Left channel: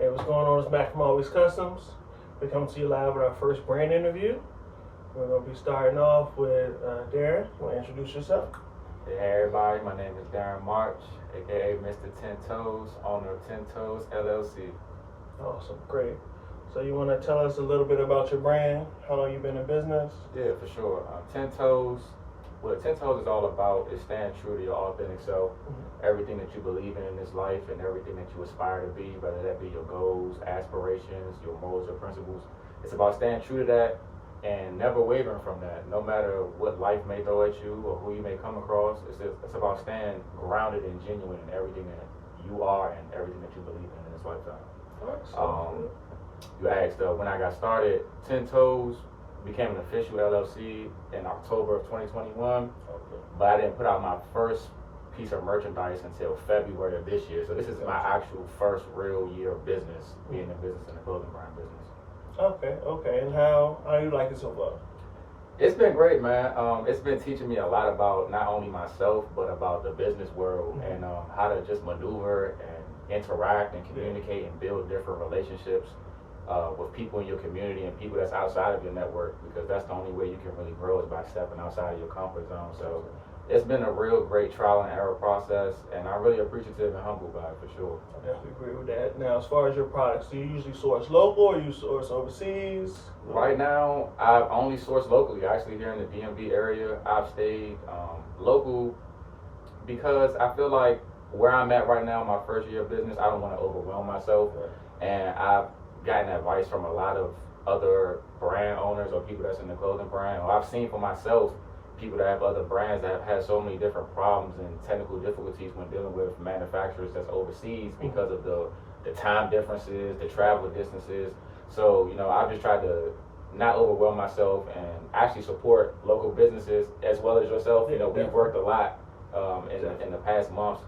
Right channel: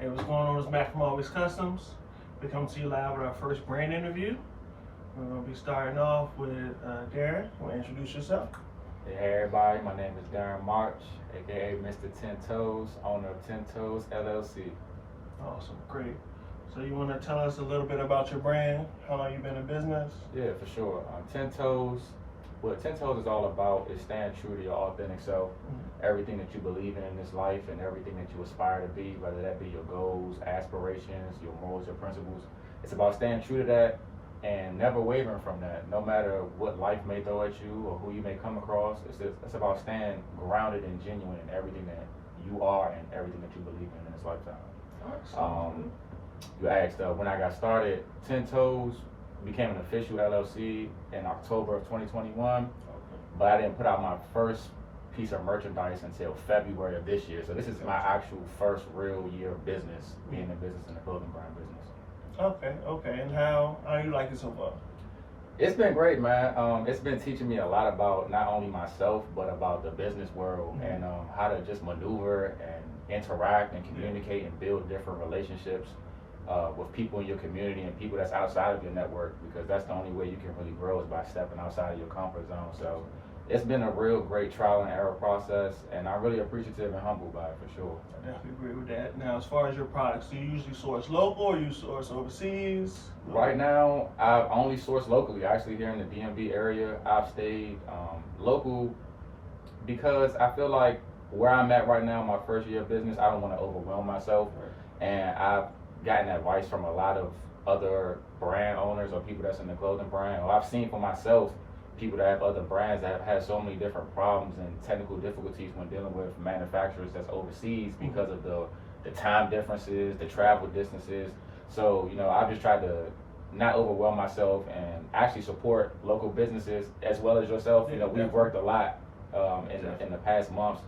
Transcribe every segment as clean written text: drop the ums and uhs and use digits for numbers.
Hey, what's going on? It's Matt from Always Customs. We come to you live with our first brand interview. We're going to be starting off with Darren. You want to introduce yourself? Hey everybody, my name is Darren March, aka Mr. Ten Toes, owner of Ten Toes LLC. Awesome, great. So you want to tell us a little bit about your brand, how long you've been in business? Yeah, for sure. Ten Toes, what Ten Toes is all about is staying true to your authentic self. Everything that you believe in this life and everything that you aspire to be, whether that be your goals, aspirations, your morals or principles. It's about staying true to that and never wavering from that, no matter what life may throw at you or who you may come across. It's about staying grounded and genuine in everything that you are and everything that you believe in this lifetime. You asked when I got started, Ten Toes became an official LLC in October of 2021, but I didn't put out my first piece of merchandise until February of this year. So this is my actual first real year of business, being in business in the clothing brand business. Okay. And how you like it so far? It's been great, man. It's been teaching me a lot about not only myself, but about the business world and how to just maneuver and interact and communicate and build different relationships with people in your community and people that's outside of your network, because that's the only way you can really grow is by stepping outside of your comfort zone. So it's been a real great trial and error process, and I'm really appreciative and humbled by it for sure. I definitely agree with that. Now, as far as your products, do you usually source local or you source overseas? Right now, I've only sourced locally. Actually, here in the DMV area, I've stayed local because I feel like where I'm at right now, my first year of business, I don't want to overwhelm myself. And I've gotten advice from a lot of other brand owners or people that's in the clothing brand. Or I've seen for myself people that have other brands that have had so many different problems and technical difficulties when dealing with manufacturers that's overseas because of the time differences, the travel distances. So, I've just tried to not overwhelm myself and actually support local businesses as well as yourself. We've worked a lot in the past months.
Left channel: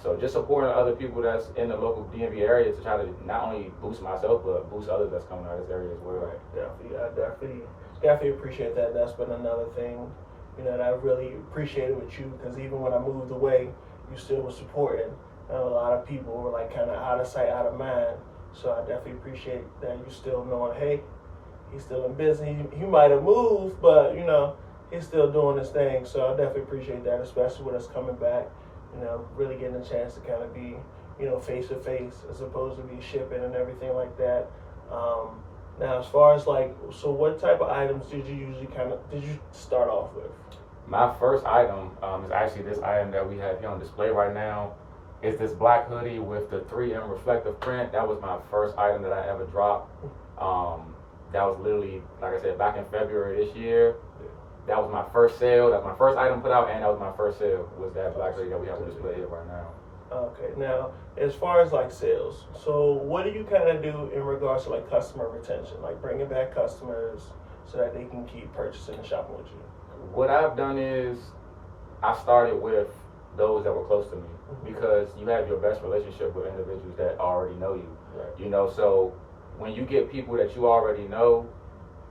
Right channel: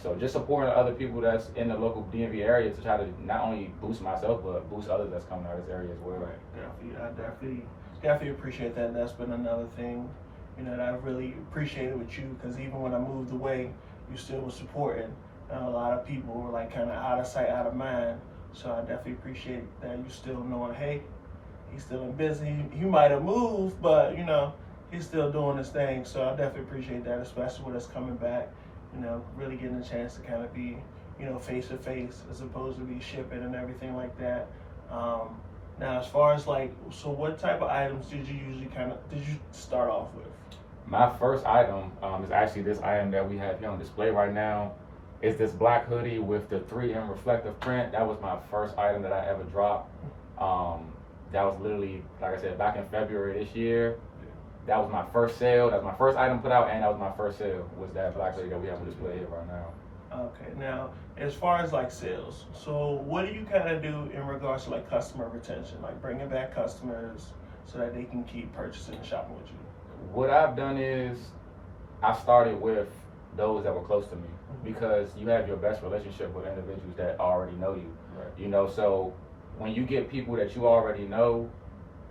So just supporting other people that's in the local DMV area to try to not only boost myself, but boost others that's coming out of this area as well. Right, definitely. I definitely appreciate that. That's been another thing, that I really appreciated with you, because even when I moved away, you still were supporting. A lot of people were like kind of out of sight, out of mind. So I definitely appreciate that you still knowing, hey, he's still in business. He might have moved, but he's still doing his thing. So I definitely appreciate that, especially when it's coming back. Really getting a chance to kind of be, face to face as opposed to be shipping and everything like that. Now, as far as so what type of items did you start off with? My first item is actually this item that we have here on display right now. It's this black hoodie with the 3M reflective print. That was my first item that I ever dropped. That was literally, like I said, back in February this year. That was my first sale. That was my first item put out, and that was my first sale. Was that black hoodie that we have on display here right now? Okay. Now, as far as sales, so what do you kind of do in regards to customer retention, bringing back customers so that they can keep purchasing and shopping with you? What I've done is I started with those that were close to me, because you have your best relationship with individuals that already know you. Right. So when you get people that you already know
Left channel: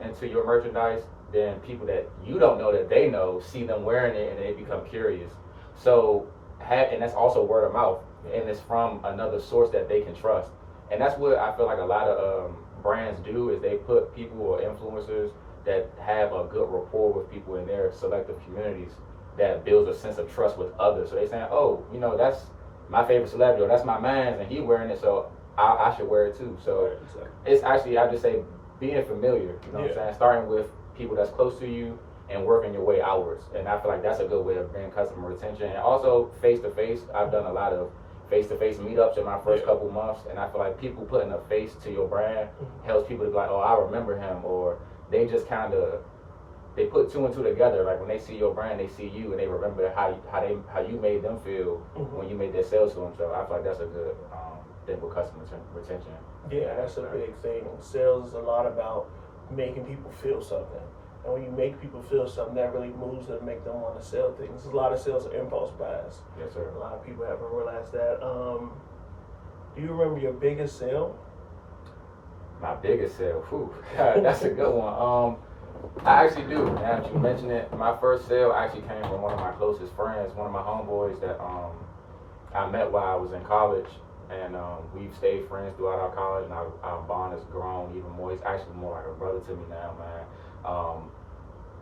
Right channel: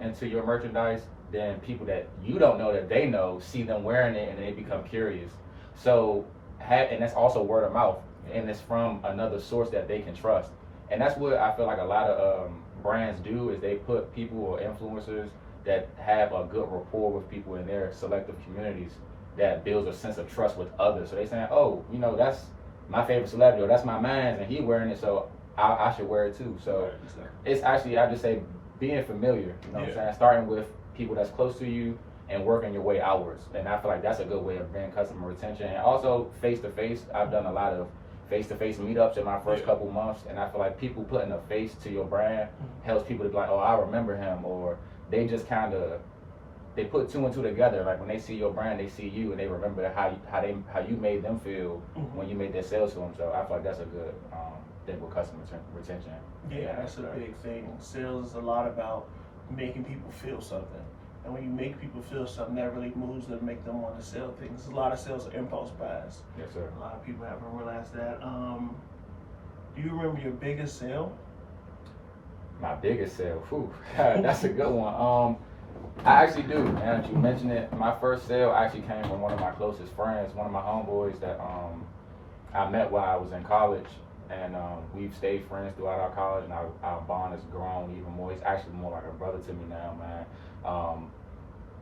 into your merchandise, then people that you don't know that they know see them wearing it and they become curious. So and that's also word of mouth, and it's from another source that they can trust. And that's what I feel like a lot of brands do, is they put people or influencers that have a good rapport with people in their selective communities that builds a sense of trust with others. So they saying, oh, that's my favorite celebrity, or that's my man's, and he wearing it, so I should wear it too. So it's actually, I just say, being familiar, what I'm saying, starting with people that's close to you and working your way outwards. And I feel like that's a good way of bringing customer retention. And also face-to-face, I've done a lot of face-to-face meetups in my first couple months, and I feel like people putting a face to your brand helps people to be like, oh, I remember him, or they just they put two and two together. Like when they see your brand, they see you, and they remember how you made them feel when you made their sales to them. So I feel like that's a good thing with customer retention. Yeah, that's a big thing. Sales is a lot about making people feel something. And when you make people feel something, that really moves them and make them want to sell things. There's a lot of sales are impulse buys. Yes, sir. A lot of people haven't realized that. Do you remember your biggest sale? My biggest sale? Whew, that's a good one. I actually do, now that you mention it. My first sale actually came from one of my closest friends, one of my homeboys that I met while I was in college. and we've stayed friends throughout our college, and our bond has grown even more. He's actually more like a brother to me now, man.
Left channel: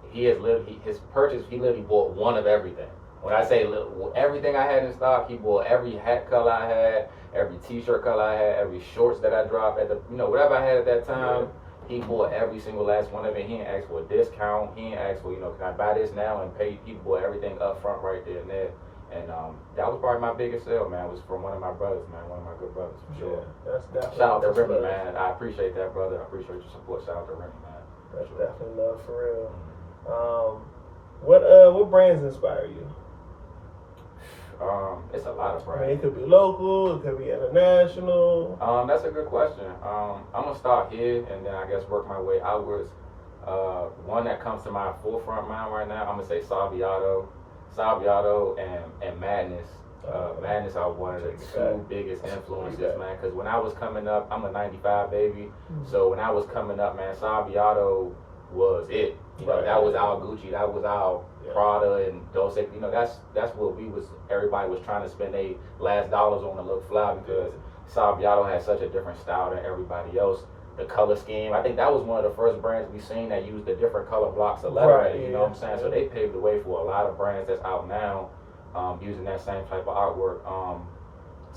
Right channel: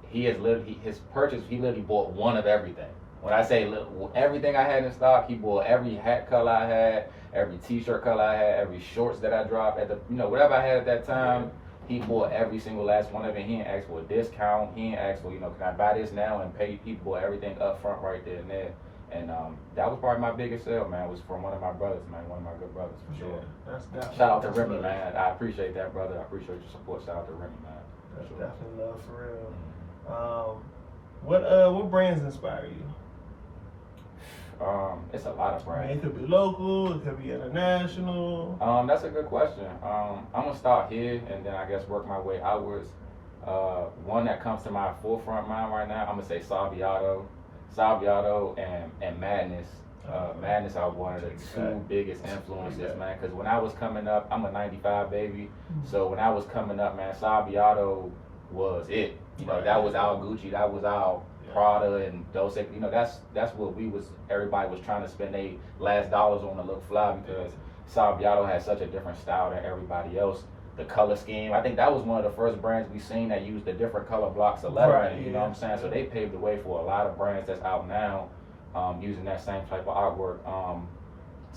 He has his purchase. He literally bought one of everything. When I say everything I had in stock, he bought every hat color I had, every T-shirt color I had, every shorts that I dropped at the, whatever I had at that time. He bought every single last one of it. He didn't ask for a discount. He didn't ask for, can I buy this now and pay? He bought everything up front right there and there. And that was probably my biggest sale, man. Was from one of my brothers, man. One of my good brothers, for sure. That's definitely. Shout out to Remy, man. I appreciate that, brother. I appreciate your support. Shout out to Remy, man. That's definitely love for real. What brands inspire you? It's a lot of brands. I mean, it could be local, it could be international. That's a good question. I'm gonna start here and then I guess work my way outwards. One that comes to my forefront mind right now, I'm gonna say Saviato and Madness. Madness are one of the two biggest influences, man. Because when I was coming up, I'm a '95 baby, so when I was coming up, man, Saviato was it. That was our Gucci, that was our Prada and Dolce. That's what everybody was trying to spend their last dollars on to look fly, because Saviato had such a different style than everybody else. The color scheme, I think that was one of the first brands we seen that used the different color blocks of lettering, you know what I'm saying? So they paved the way for a lot of brands that's out now using that same type of artwork.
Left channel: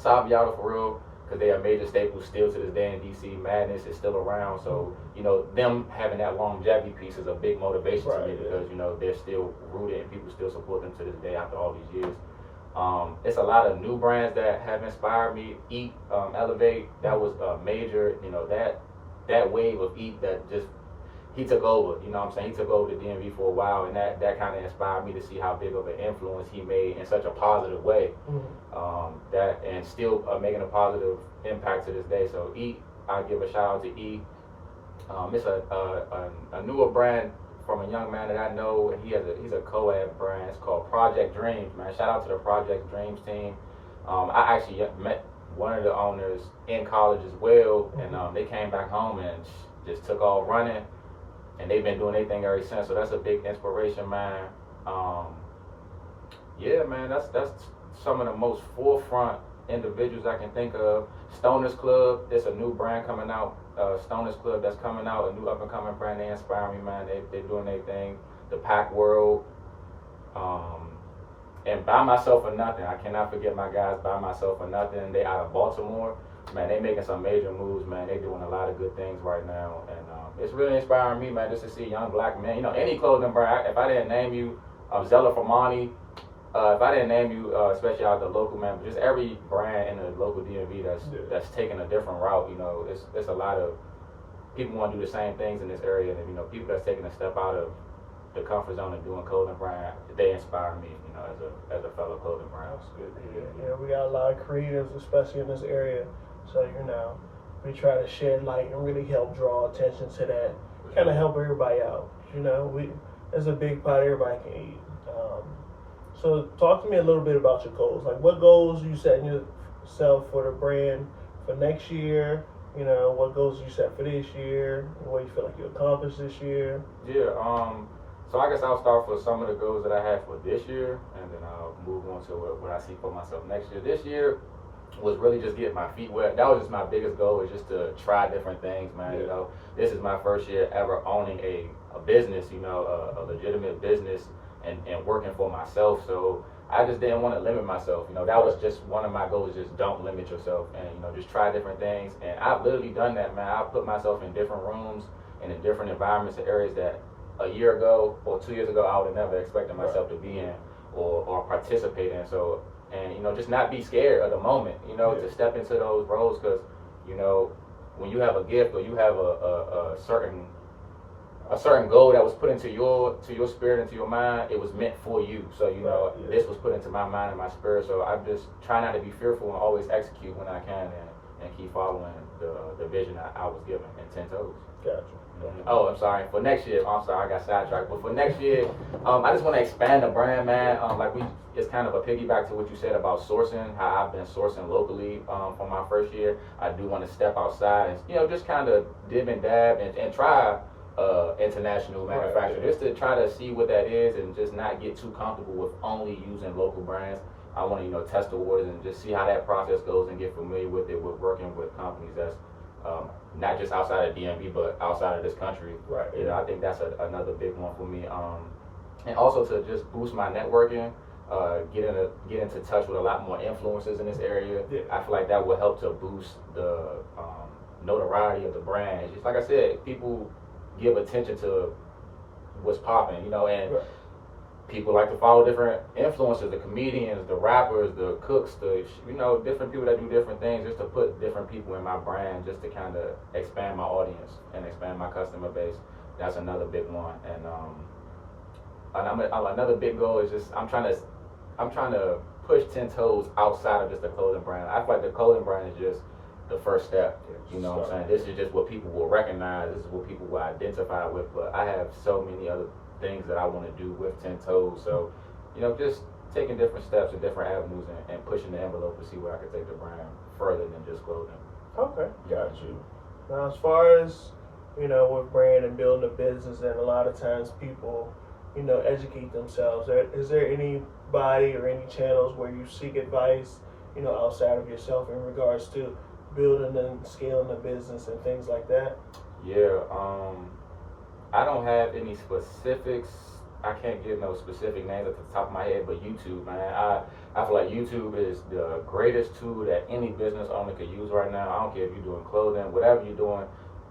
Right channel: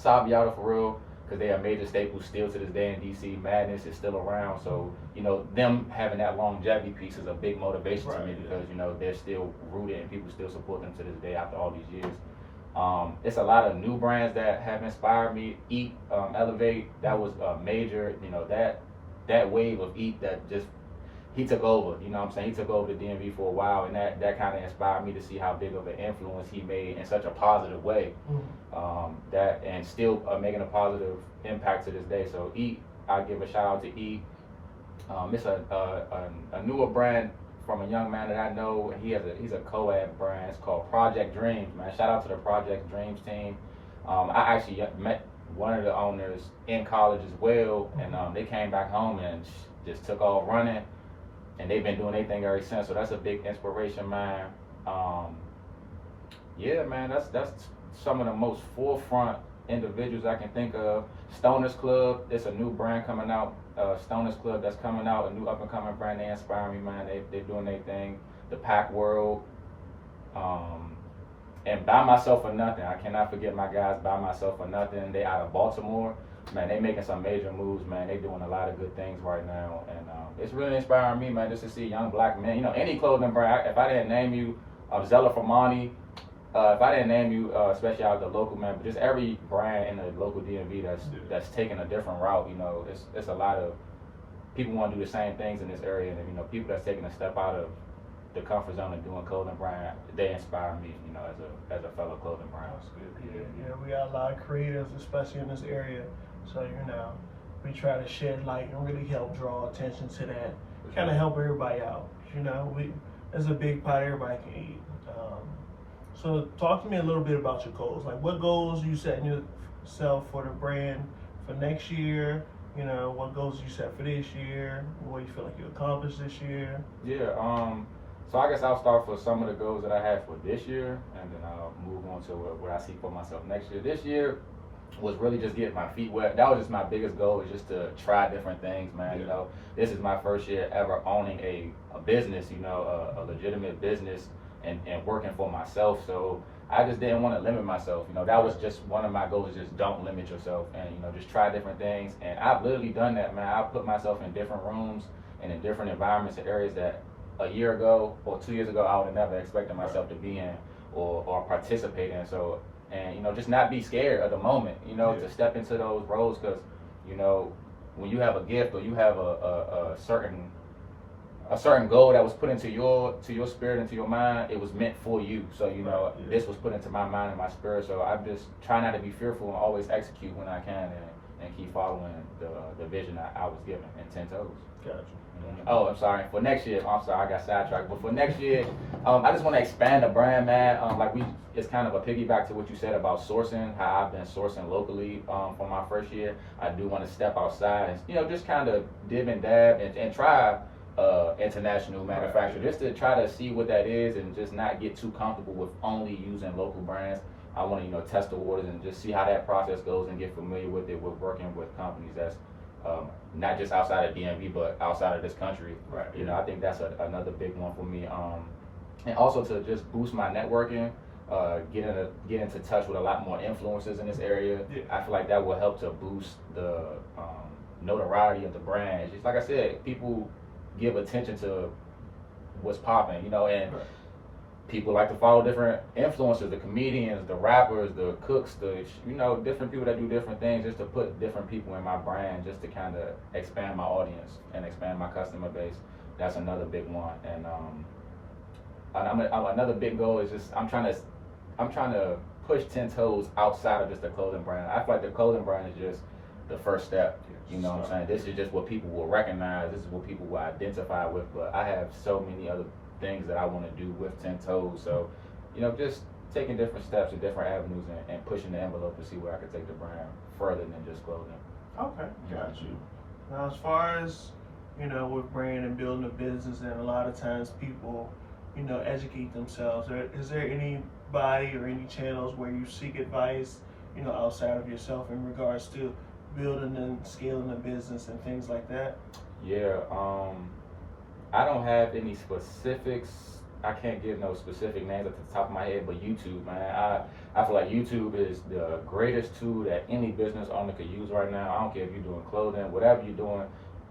Saviato for real, because they are major staples still to this day in DC. Madness is still around, so them having that longevity piece is a big motivation to me, because they're still rooted and people still support them to this day after all these years. It's a lot of new brands that have inspired me. Eat, Elevate, that was a major, that wave of Eat that just, he took over, he took over the DMV for a while, and that kind of inspired me to see how big of an influence he made in such a positive way, and still making a positive impact to this day. So Eat, I give a shout out to Eat. It's a newer brand from a young man that I know. He's a co-ed brand. It's called Project Dreams, man. Shout out to the Project Dreams team. I actually met one of the owners in college as well, and they came back home and just took off running, and they've been doing their thing ever since. So that's a big inspiration, man. Yeah, man, that's some of the most forefront individuals I can think of. Stoners Club, it's a new brand coming out. Stoners Club that's coming out, a new up and coming brand. They inspire me, man. They're doing their thing. The Pack World. And Buy Myself or Nothing, I cannot forget my guys, Buy Myself or Nothing. They out of Baltimore, man. They making some major moves, man. They doing a lot of good things right now, and it's really inspiring me, man, just to see young black men. Any clothing brand. If I didn't name you, Zella Formani. If I didn't name you, especially out the local, man, but just every brand in the local DMV that's taking a different route. It's a lot of people want to do the same things in this area, and people that's taking a step out of the comfort zone and doing clothing brand, they inspire me, as a fellow clothing brand. That's good. Yeah, we got a lot of creatives, especially in this area. So we try to shed light and really help draw attention to that. Kind of help everybody out. There's a big pot everybody can eat. So talk to me a little bit about your goals. Like, what goals you set yourself for the brand for next year? What goals you set for this year? What you feel like you accomplished this year? Yeah. So I guess I'll start with some of the goals that I have for this year, and then I'll move on to what I see for myself next year. This year was really just getting my feet wet. That was just my biggest goal, is just to try different things, man. This is my first year ever owning a business, a legitimate business, and working for myself. So I just didn't want to limit myself. That was just one of my goals, is just don't limit yourself, and just try different things. And I've literally done that, man. I put myself in different rooms and in different environments and areas that a year ago or 2 years ago I would have never expected myself to be in or participate in. So, and just not be scared of the moment, to step into those roles, because when you have a gift or you have a certain goal that was put into your spirit, into your mind, it was meant for you. So this was put into my mind and my spirit. So I just try not to be fearful and always execute when I can, and keep following the vision that I was given in 10 toes. Gotcha. Oh, I'm sorry. For next year, I got sidetracked. But for next year, I just want to expand the brand, man. It's kind of a piggyback to what you said about sourcing, how I've been sourcing locally for my first year. I do want to step outside and, just kind of dib and dab and try international manufacturing, just to try to see what that is, and just not get too comfortable with only using local brands. I want to, test the waters and just see how that process goes and get familiar with it, with working with companies that's not just outside of DMV, but outside of this country. Right. I think that's another big one for me. And also to just boost my networking, get into touch with a lot more influencers in this area. Yeah. I feel like that will help to boost the notoriety of the brand. It's just like I said, people give attention to what's popping, and Right. people like to follow different influencers, the comedians, the rappers, the cooks, different people that do different things, just to put different people in my brand, just to kind of expand my audience and expand my customer base. That's another big one. And another big goal is just I'm trying to push 10 toes outside of just the clothing brand. I feel like the clothing brand is just the first step. You know what I'm saying? This is just what people will recognize. This is what people will identify with. But I have so many other things that I want to do with 10 toes. So, just taking different steps and different avenues and pushing the envelope to see where I can take the brand further than just clothing. Okay, got you. Now, as far as, with brand and building a business, and a lot of times people, educate themselves. Is there anybody or any channels where you seek advice, outside of yourself in regards to building and scaling a business and things like that? Yeah, I don't have any specifics. I can't give no specific names at the top of my head, but YouTube, man. I feel like YouTube is the greatest tool that any business owner could use right now. I don't care if you're doing clothing, whatever you're doing.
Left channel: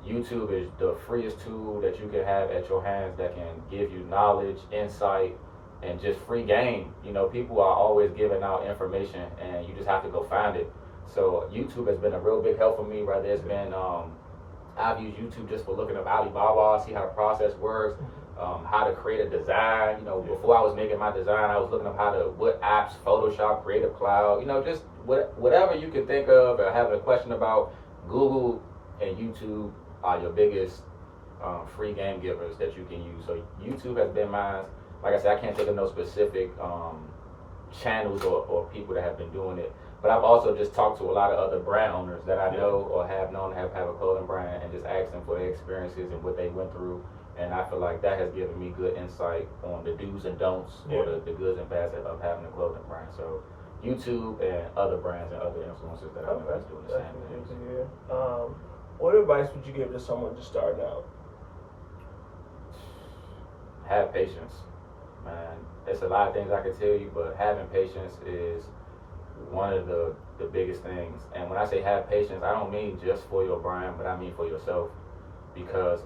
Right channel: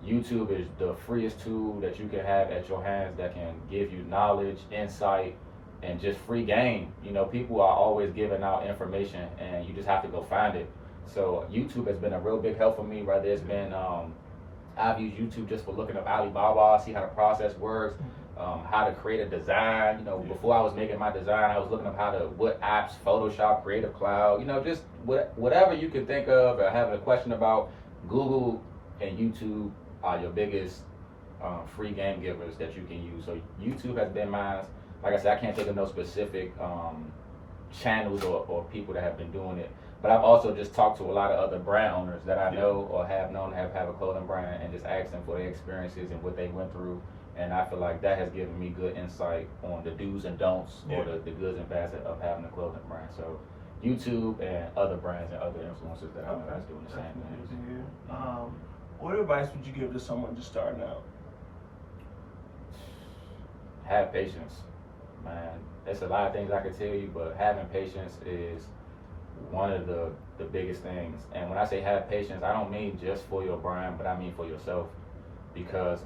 YouTube is the freest tool that you can have at your hands that can give you knowledge, insight, and just free game. People are always giving out information, and you just have to go find it. So YouTube has been a real big help for me. Whether it's been I've used YouTube just for looking up Alibaba, see how the process works, how to create a design. Before I was making my design, I was looking up what apps, Photoshop, Creative Cloud, just whatever you can think of or having a question about. Google and YouTube are your biggest free game givers that you can use. So YouTube has been mine. Like I said, I can't think of no specific channels or people that have been doing it. But I've also just talked to a lot of other brand owners that I know or have known have a clothing brand, and just asked them for their experiences and what they went through. And I feel like that has given me good insight on the do's and don'ts, or the goods and bads of having a clothing brand. So YouTube and other brands and other influencers that I know that's doing the same thing. What advice would you give to someone just starting out? Have patience, man. There's a lot of things I could tell you, but having patience is one of the biggest things. And when I say have patience, I don't mean just for your brand, but I mean for yourself, because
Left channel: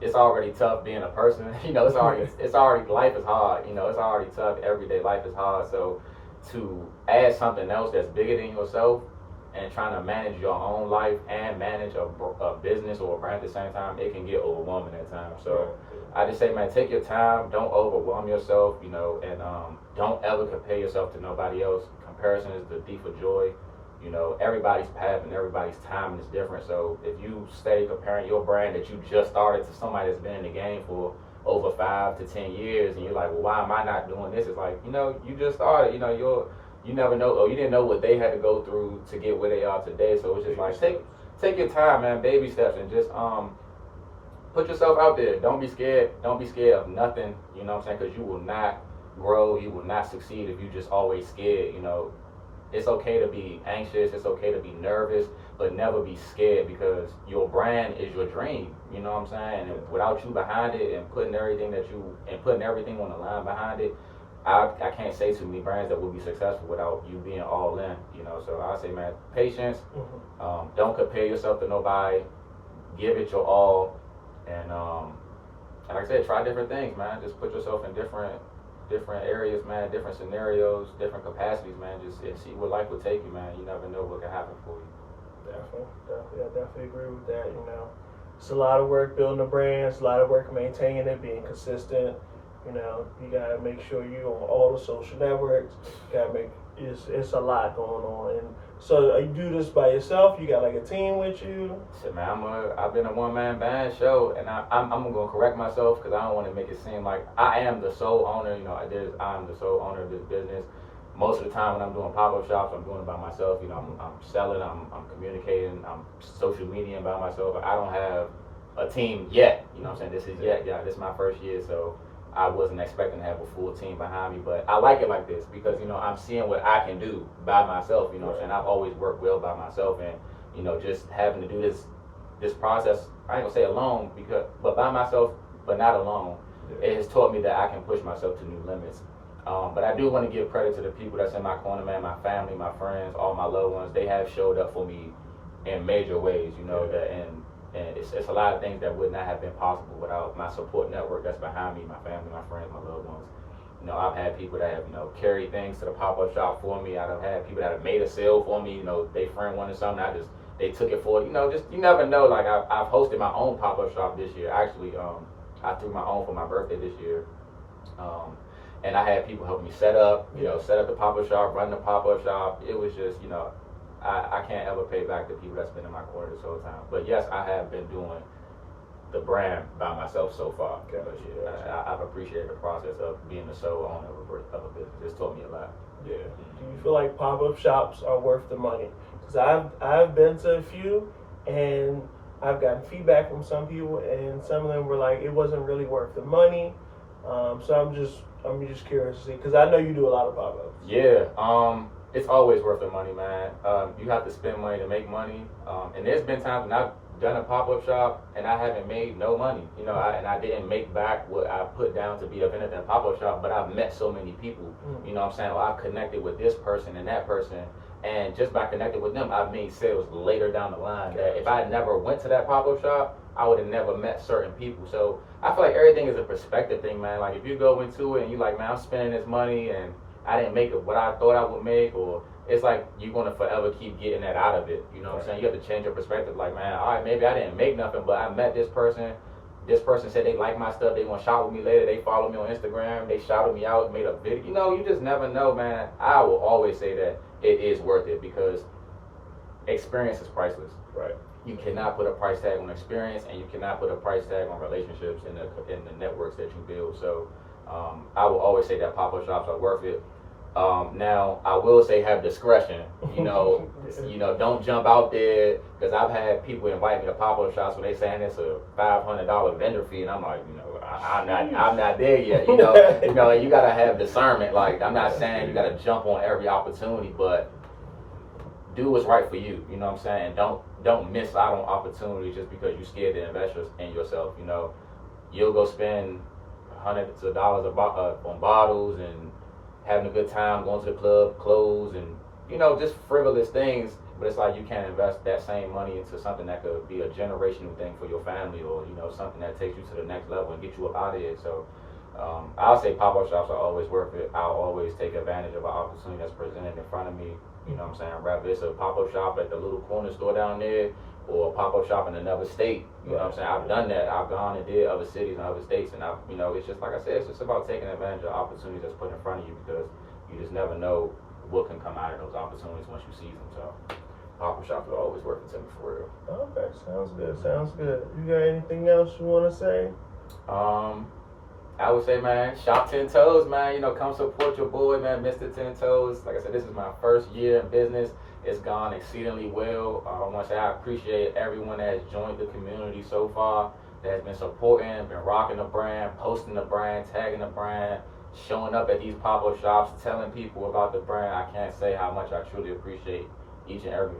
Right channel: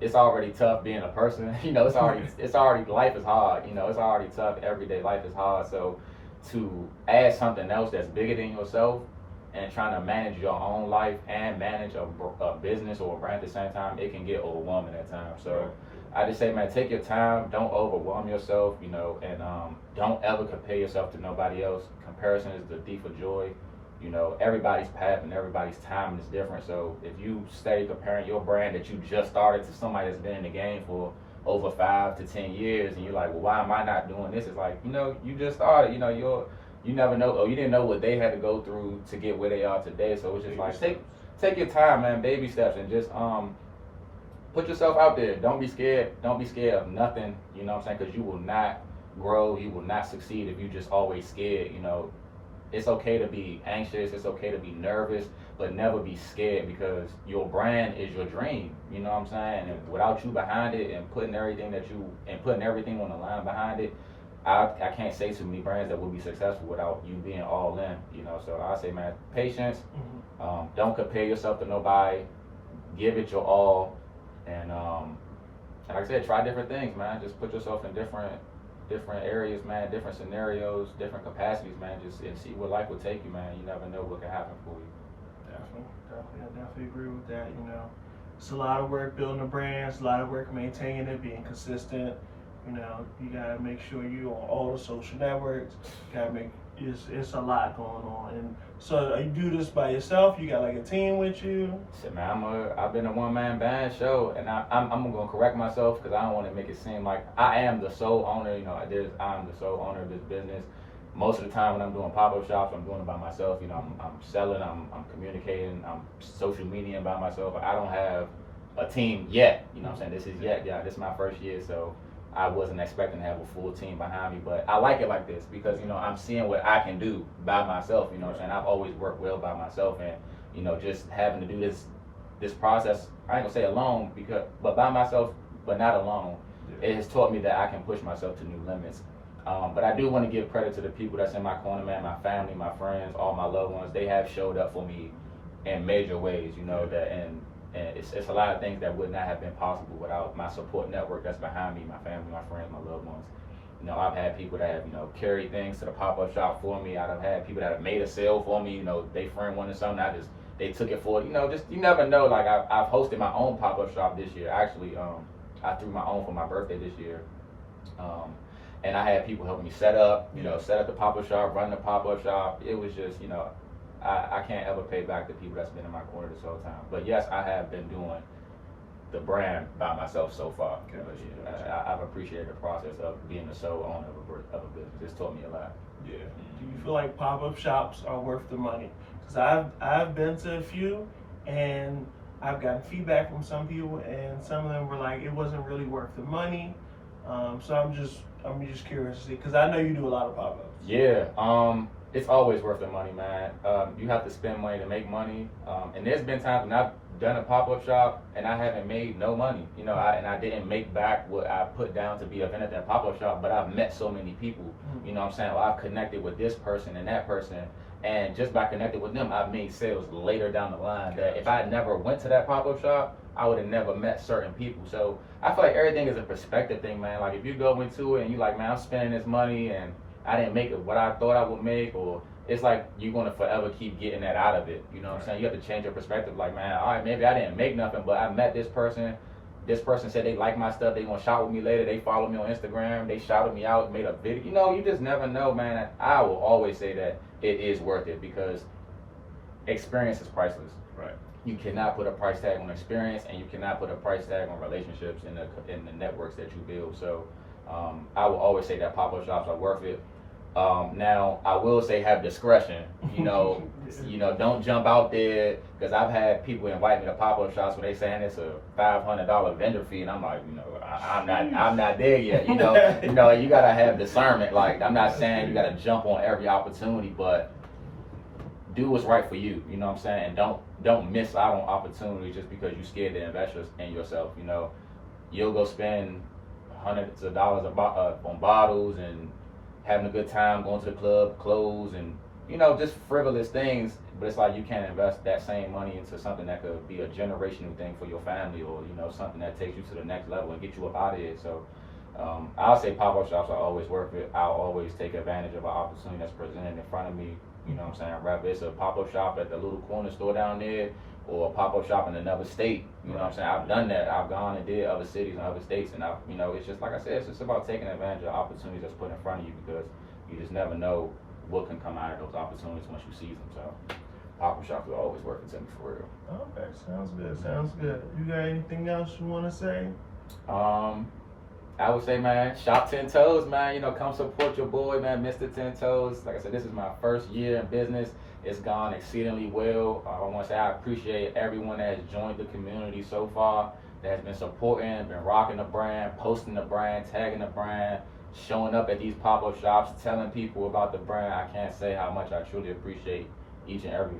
it's already tough being a person. It's already life is hard. It's already tough. Everyday life is hard. So to add something else that's bigger than yourself, and trying to manage your own life and manage a business or a brand at the same time, it can get overwhelming at times. So I just say, man, take your time, don't overwhelm yourself, and don't ever compare yourself to nobody else. Comparison is the thief of joy. Everybody's path and everybody's timing is different. So if you stay comparing your brand that you just started to somebody that's been in the game for over 5 to 10 years, and you're like, well, why am I not doing this? It's like, you just started, you never know, or you didn't know what they had to go through to get where they are today. So it's just like, take your time, man, baby steps, and just put yourself out there. Don't be scared of nothing, because you will not grow, you will not succeed if you just always scared. It's okay to be anxious, it's okay to be nervous, but never be scared, because your brand is your dream, and without you behind it and putting everything on the line behind it, I can't say too many brands that will be successful without you being all in, So I say, man, patience. Don't compare yourself to nobody. Give it your all, and like I said, try different things, man. Just put yourself in different areas, man, different scenarios, different capacities, man. Just and see where life will take you, man. You never know what can happen for you. Definitely, I definitely agree with that. It's a lot of work building a brand. It's a lot of work maintaining it, being consistent. You gotta make sure you're on all the social networks. It's a lot going on. And so you do this by yourself? You got like a team with you? Shit, man, I've been a one-man band show, and I'm gonna correct myself, because I don't want to make it seem like I am the sole owner. I'm the sole owner of this business. Most of the time when I'm doing pop-up shops, I'm doing it by myself. I'm selling, I'm communicating, I'm social media by myself. I don't have a team yet. This is this is my first year, so I wasn't expecting to have a full team behind me, but I like it like this because, you know, I'm seeing what I can do by myself, you know what I'm saying? I've always worked well by myself, and, you know, just having to do this process, I ain't gonna say alone, but by myself, but not alone, it has taught me that I can push myself to new limits. But I do want to give credit to the people that's in my corner, man, my family, my friends, all my loved ones. They have showed up for me in major ways, you know, and it's a lot of things that would not have been possible without my support network that's behind me, my family, my friends, my loved ones. You know, I've had people that have, you know, carried things to the pop-up shop for me. I've had people that have made a sale for me, you know, they friend wanted something, they took it for, you know, just, you never know. Like, I've hosted my own pop-up shop this year. Actually, I threw my own for my birthday this year. And I had people help me set up the pop-up shop, run the pop-up shop. It was just, you know, I can't ever pay back the people that's been in my corner this whole time. But yes, I have been doing the brand by myself so far. I've appreciated the process of being the sole owner of a business. It's taught me a lot. Yeah. Do you feel like pop-up shops are worth the money? Because I've been to a few, and I've gotten feedback from some people, and some of them were like, it wasn't really worth the money. So I'm just curious to see, because I know you do a lot of pop-ups. Yeah, it's always worth the money, man. You have to spend money to make money, and there's been times when I've done a pop-up shop and I haven't made no money, you know, and I didn't make back what I put down to be a vendor at that pop-up shop, but I've met so many people, you know what I'm saying? Well, I've connected with this person and that person, and just by connecting with them, I've made sales later down the line that if I never went to that pop-up shop, I would have never met certain people. So I feel like everything is a perspective thing, man. Like, if you go into it and you're like, man, I'm spending this money and I didn't make it what I thought I would make, or it's like you're gonna forever keep getting that out of it. You know what I'm saying? You have to change your perspective. Like, man, all right, maybe I didn't make nothing, but I met this person. This person said they like my stuff. They want to shop with me later. They follow me on Instagram. They shouted me out, made a video. You know, you just never know, man. I will always say that it is worth it because experience is priceless. Right. You cannot put a price tag on experience, and you cannot put a price tag on relationships in the networks that you build. So I will always say that pop-up shops are worth it. Now I will say have discretion. You know, don't jump out there, because I've had people invite me to pop-up shops when they saying it's a $500 vendor fee, and I'm like, you know, I'm not there yet. You know, you gotta have discernment. Like, I'm not saying you gotta jump on every opportunity, but do what's right for you. You know what I'm saying? And don't miss out on opportunities just because you're scared to invest in yourself. You know, you'll go spend hundreds of dollars on bottles and having a good time, going to the club, clothes, and, you know, just frivolous things. But it's like you can't invest that same money into something that could be a generational thing for your family, or, you know, something that takes you to the next level and get you up out of it. So I'll say pop-up shops are always worth it. I'll always take advantage of an opportunity that's presented in front of me. You know what I'm saying? Whether it's a pop-up shop at the little corner store down there, or a pop-up shop in another state. You know what I'm saying? I've done that. I've gone and did other cities and other states, and you know, it's just like I said, it's just about taking advantage of opportunities that's put in front of you, because you just never know what can come out of those opportunities once you seize them. So pop-up shops are always working to me, for real. Okay, sounds good. You got anything else you want to say? I would say, man, shop 10 Toes, man. You know, come support your boy, man, Mr. 10 Toes. Like I said, this is my first year in business. It's gone exceedingly well. I want to say I appreciate everyone that has joined the community so far, that has been supporting, been rocking the brand, posting the brand, tagging the brand, showing up at these pop-up shops, telling people about the brand. I can't say how much I truly appreciate each and every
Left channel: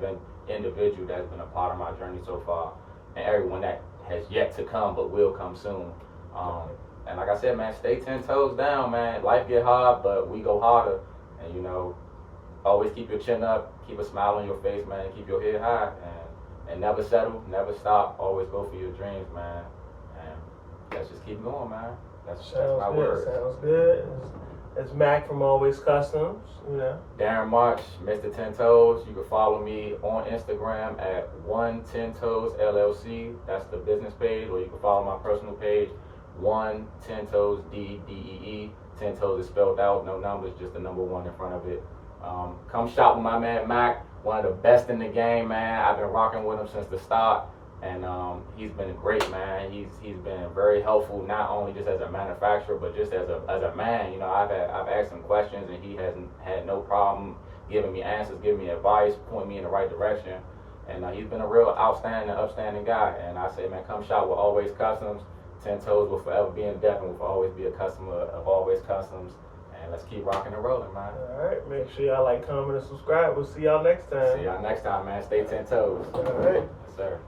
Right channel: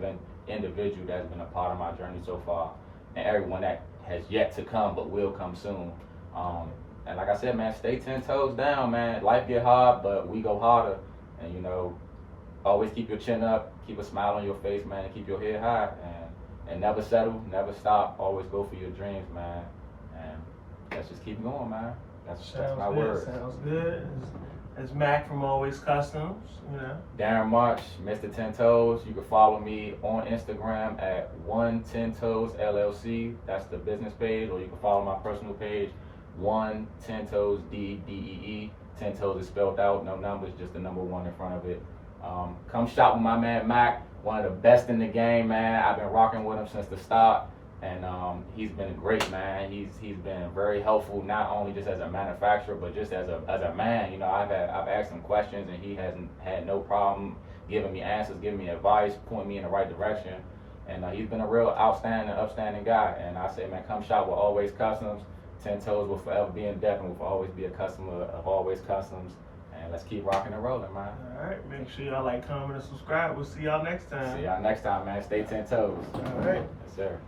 individual that's been a part of my journey so far, and everyone that has yet to come but will come soon. And like I said, man, stay 10 toes down, man. Life get hard, but we go harder. And, you know, always keep your chin up, keep a smile on your face, man, keep your head high, and never settle, never stop. Always go for your dreams, man. And let's just keep going, man. That's my word. Sounds good. It's Mac from Always Customs, you know. Darren March, Mr. 10 Toes. You can follow me on Instagram at 110 Toes LLC. That's the business page, or you can follow my personal page, 110 Toes DEE. 10 Toes is spelled out, no numbers, just the number 1 in front of it. Come shop with my man Mac, one of the best in the game, man. I've been rocking with him since the start, and he's been great, man. He's been very helpful, not only just as a manufacturer, but just as a man. You know, I've asked him questions, and he hasn't had no problem giving me answers, giving me advice, pointing me in the right direction. And he's been a real upstanding guy. And I say, man, come shop with Always Customs. 10 Toes will forever be in Devon. Will always be a customer of Always Customs. And let's keep rocking and rolling, man. All right, make sure y'all like, comment, and subscribe. We'll see y'all next time. See y'all next time, man. Stay 10 Toes. All right. Yes, sir.